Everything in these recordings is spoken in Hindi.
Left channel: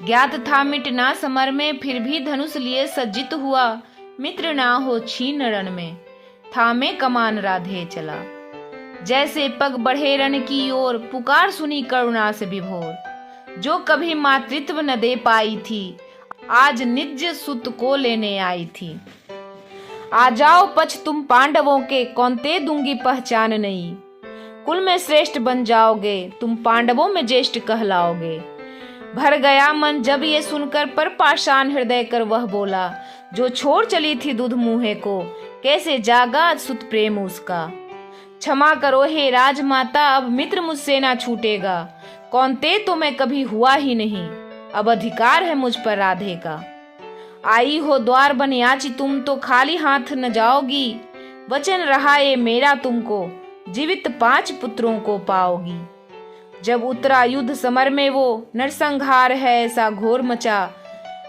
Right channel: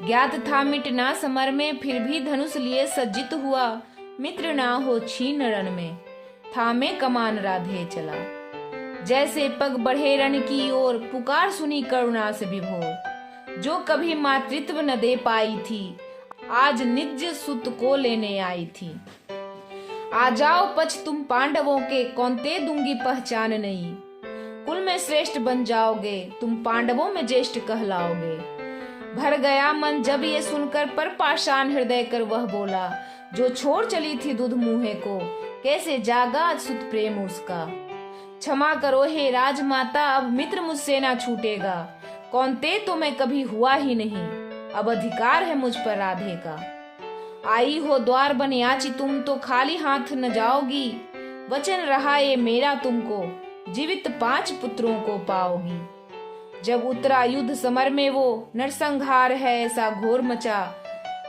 ज्ञात था मिटना समर में, फिर भी धनुष लिए सज्जित हुआ। मित्र ना हो छीन रण में, थामे कमान राधे चला। जैसे पग बढ़े रण की ओर, पुकार सुनी करुणा से विभोर। जो कभी मातृत्व न दे पाई थी, आज निज सुत को लेने आई थी। आ जाओ पछ तुम पांडवों के, कौन्ते दूंगी पहचान नई। कुल में श्रेष्ठ बन जाओगे, तुम पांडवों में ज्येष्ठ कहलाओगे। भर गया मन जब ये सुनकर, पर पाषाण हृदय कर वह बोला। जो छोड़ चली थी दूध मुँहे को, कैसे जागा सुत प्रेम उसका। क्षमा करो हे राजमाता, अब मित्र मुझसे ना छूटेगा। कौन्ते तो मैं कभी हुआ ही नहीं, अब अधिकार है मुझ पर राधे का। आई हो द्वार बनयाची तुम, तो खाली हाथ न जाओगी। वचन रहा ये मेरा तुमको, जीवित 5 पुत्रों को पाओगी। जब उतरा युद्ध समर में वो, नरसंहार है ऐसा घोर मचा।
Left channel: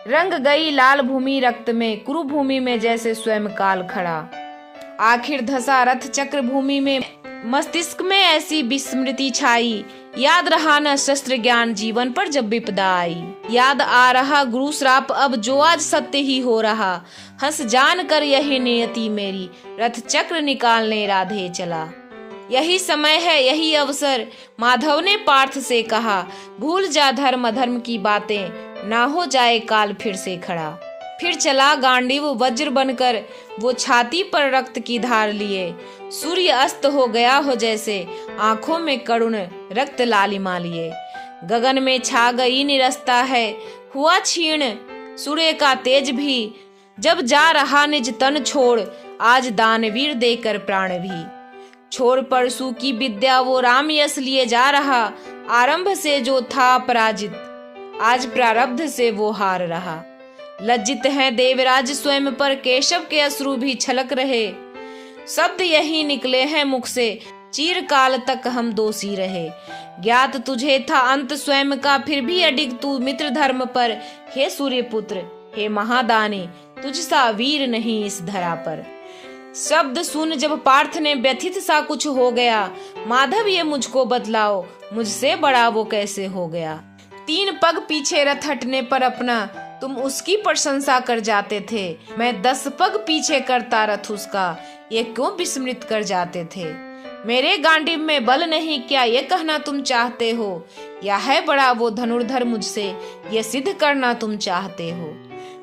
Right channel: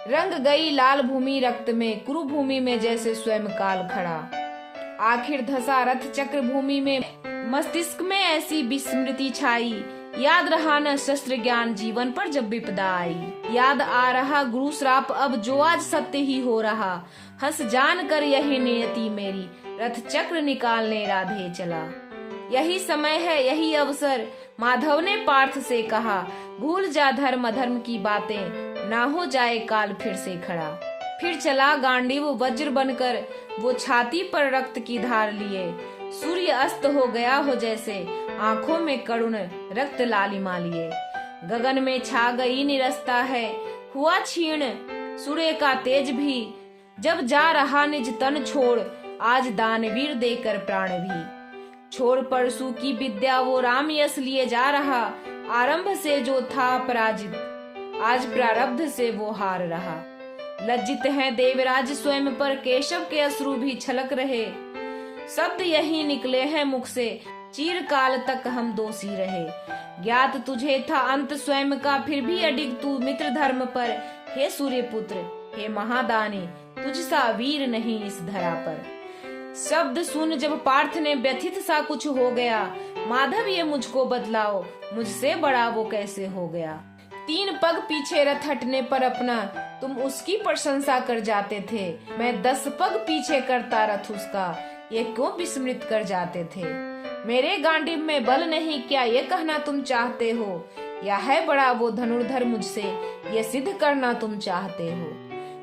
रंग गई लाल भूमि रक्त में, कुरुभूमि में जैसे स्वयं काल खड़ा। आखिर धसा रथ चक्र भूमि में, मस्तिष्क में ऐसी विस्मृति छाई। याद रहा न शस्त्र ज्ञान जीवन पर जब विपदा आई। याद आ रहा गुरु श्राप अब, जो आज सत्य ही हो रहा। हंस जान कर यही नियति मेरी, रथ चक्र निकालने राधे चला। यही समय है यही अवसर, माधव ने पार्थ से कहा। भूल जा धर्म अधर्म की बातें, ना हो जाए काल फिर से खड़ा। फिर चला गांडीव वज्र बनकर, वो छाती पर रक्त की धार लिए। सूर्य अस्त हो गया हो जैसे, आंखों में करुण रक्त लालिमा लिए। गगन में छा गई निरस्ता है, हुआ क्षीण सूर्य का तेज भी। जब जा रहा निज तन छोड़, आज दानवीर देकर प्राण भी। छोड़ परशु की विद्या वो राम यश लिए जा रहा। आरंभ से जो था पराजित, आज प्रारब्ध से वो हार रहा। लज्जित हैं देवराज स्वयं पर, केशव के अश्रु भी छलक रहे। शब्द यही निकले हैं मुख से, चिरकाल तक हम दोषी रहे। ज्ञात तुझे था अंत स्वयं का, फिर भी अडिग तू मित्र धर्म पर। हे सूर्यपुत्र हे महादानी, तुझसा वीर नहीं इस धरा पर। शब्द सुन जब पार्थ ने व्यथित सा कुछ हो गया। माधव ये मुझको बतलाओ, मुझसे बड़ा वो कैसे हो गया। 3 पग पीछे रथ हटने पर अपना, तुम उसकी प्रशंसा कर जाते थे। मैं 10 पग पीछे करता रथ उसका, ये क्यों विस्मृत कर जाते थे। मेरे गांडीव में बल नहीं, क्या ये कहना तुम चाहते हो। या है बड़ा वो धनुर्धर मुझसे, ये सिद्ध करना तुम चाहते हो।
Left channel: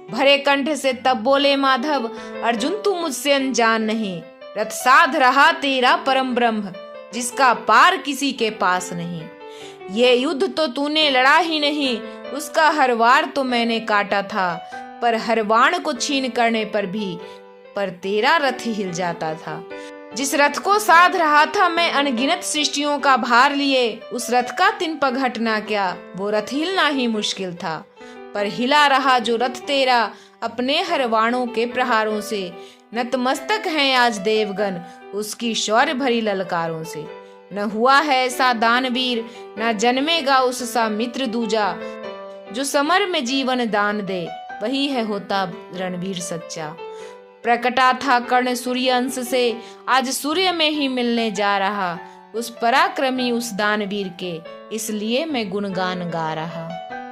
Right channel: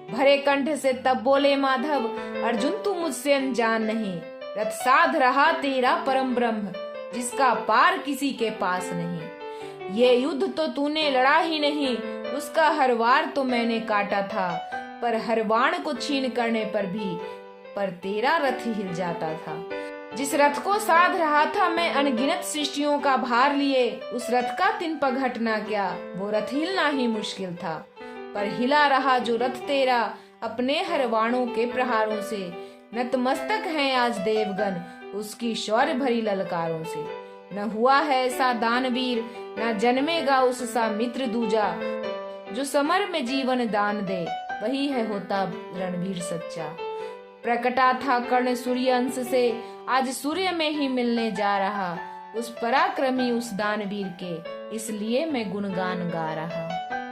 भरे कंठ से तब बोले माधव, अर्जुन तू मुझसे अनजान नहीं। रथ साध रहा तेरा परम ब्रह्म, जिसका पार किसी के पास नहीं। ये युद्ध तो तूने लड़ा ही नहीं, उसका हर वार तो मैंने काटा था। पर हर बाण को छीन करने पर भी, पर तेरा रथ हिल जाता था। जिस रथ को साध रहा था मैं अनगिनत सृष्टियों का भार लिए, उस रथ का 3 पग हटना क्या, वो रथ हिलना ही मुश्किल था। पर हिला रहा जो रथ तेरा, अपने हर वाणों के प्रहारों से। नतमस्तक हैं आज देवगण, उसकी शौर्य भरी ललकारों से। न हुआ है ऐसा दानवीर, न जन्मेगा उससा मित्र दूजा। जो समर में जीवन दान दे, वही है होता रणवीर सच्चा। प्रकटा था कर्ण सूर्य अंश से, आज सूर्य में ही मिलने जा रहा। उस पराक्रमी उस दानवीर के, इसलिए मैं गुणगान गा रहा।